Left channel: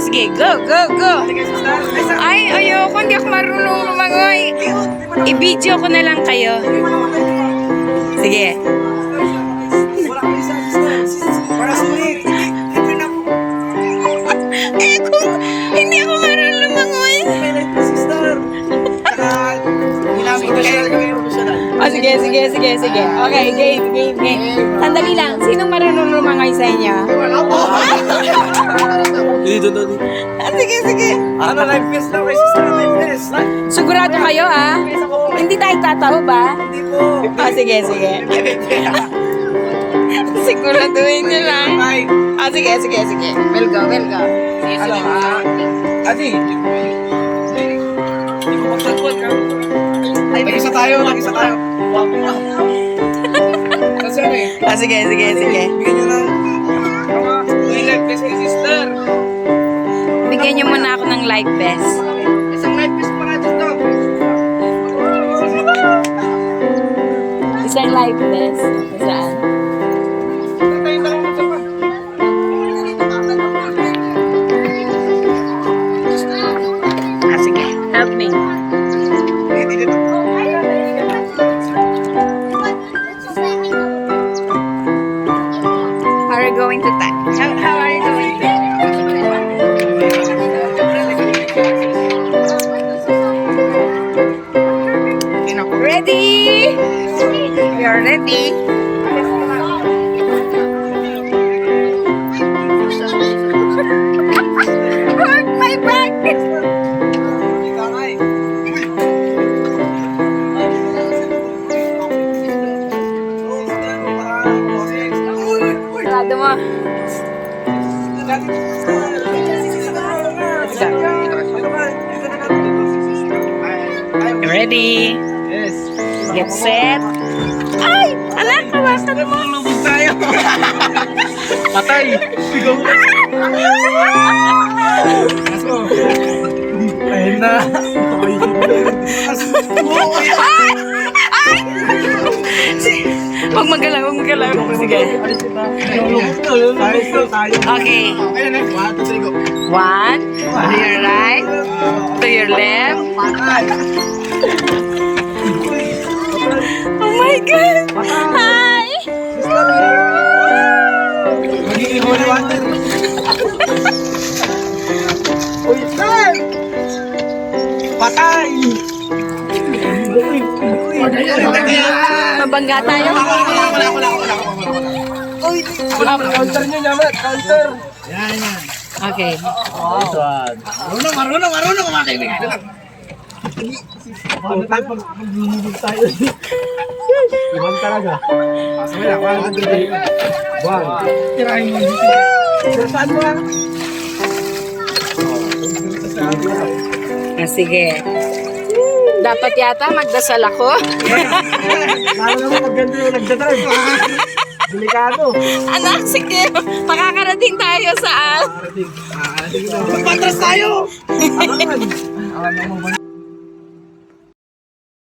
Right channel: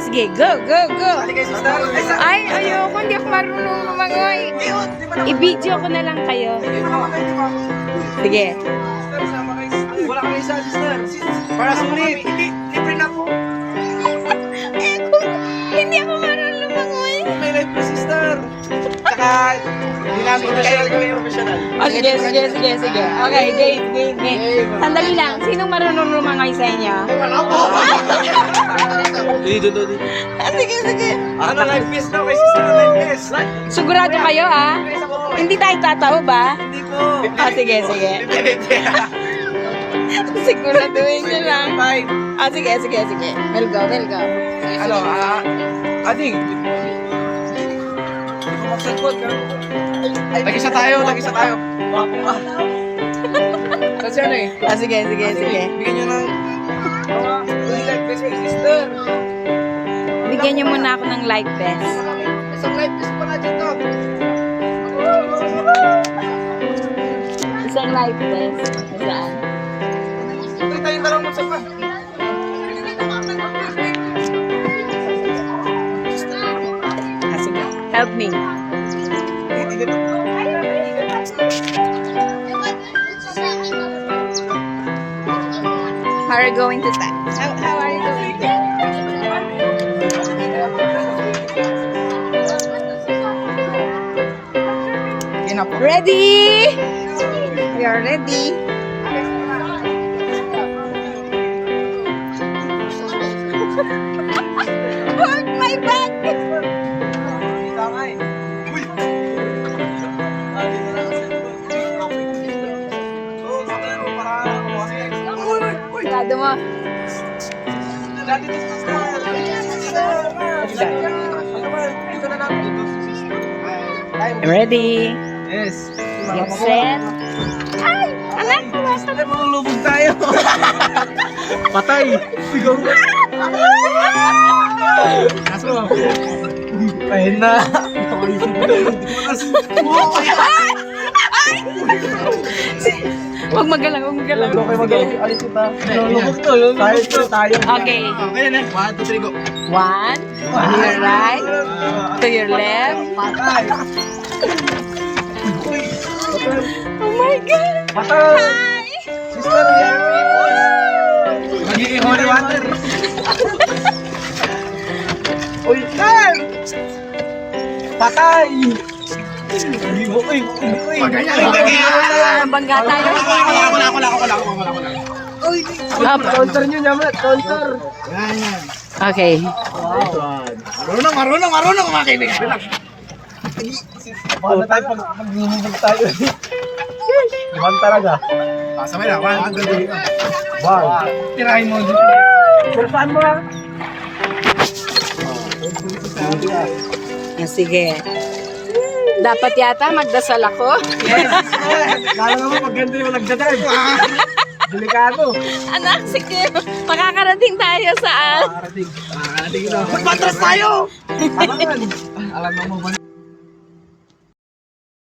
sige. Go, go, go. Ay, ayoko. Hindi ako marunong lumangoy. I-video ko na lang kayo. Sige. Wala kami sa sister. Para sulit. Libre na po. Eh, kung hindi ako marunong lumangoy. May life po, sister. Tsaka, hindi namin professional kami professional. Oh, sige. Okay, game. Sandali lang. Sinong marunong lumangoy sa inyo? Dito. Sige. Ano, life vest daw kay sister, life vest. Sigurado kayo, ha? Hindi tayo tatawa ba? Hindi po. Oh, sige. Siguraduhin nyo lang. Bye. Ah, sige. We'll go. Adi, hindi ko magsangkot ka. Lagi-isa tayo. Kasi ano eh. Ah, sige. Bigyan nyo ng life vest kay sister. Bigyan nyo muna ako ng life vest. Isang life vest pa nga dito. Isang life vest. Saan? Tayo lang magsapa. Ah, sige. Help me. Dito. How are you going to that? How are you going to? Ready? We are ready. Hold my back. Sarado mo. Ready? Yes. Get set. Ay! Anak, kawasan mo. Lubog tayo. Patay. Sigaw. Kaso. Ayun na. Huwag magalaw. Sige. Tayo. Okay. Okay na. 1, 2, 3, go. 1, to your right, to your left. Oh my God! Hi! Magiging holy water. Uy, sir! Patay! Mabangga tayo. Wala. Uy, counter nyo naman, counter. Yan. Okay. Nice one. Marunong mga kaibigan. Paano tayo pag maglulubog tayo? Iwan talaga. Pasama na, 1, 2, 3. Wow. Tirahin mo dito. Pero saan mo lang? Ah, sige. Dapat yata magdasal ako. Lalo naman pag ganito yung nagdadrive. Delikado. Anak, sige. Makakarating tayo saan? Makakarating na. Magpatras tayo! Alangan. Alam mo ba?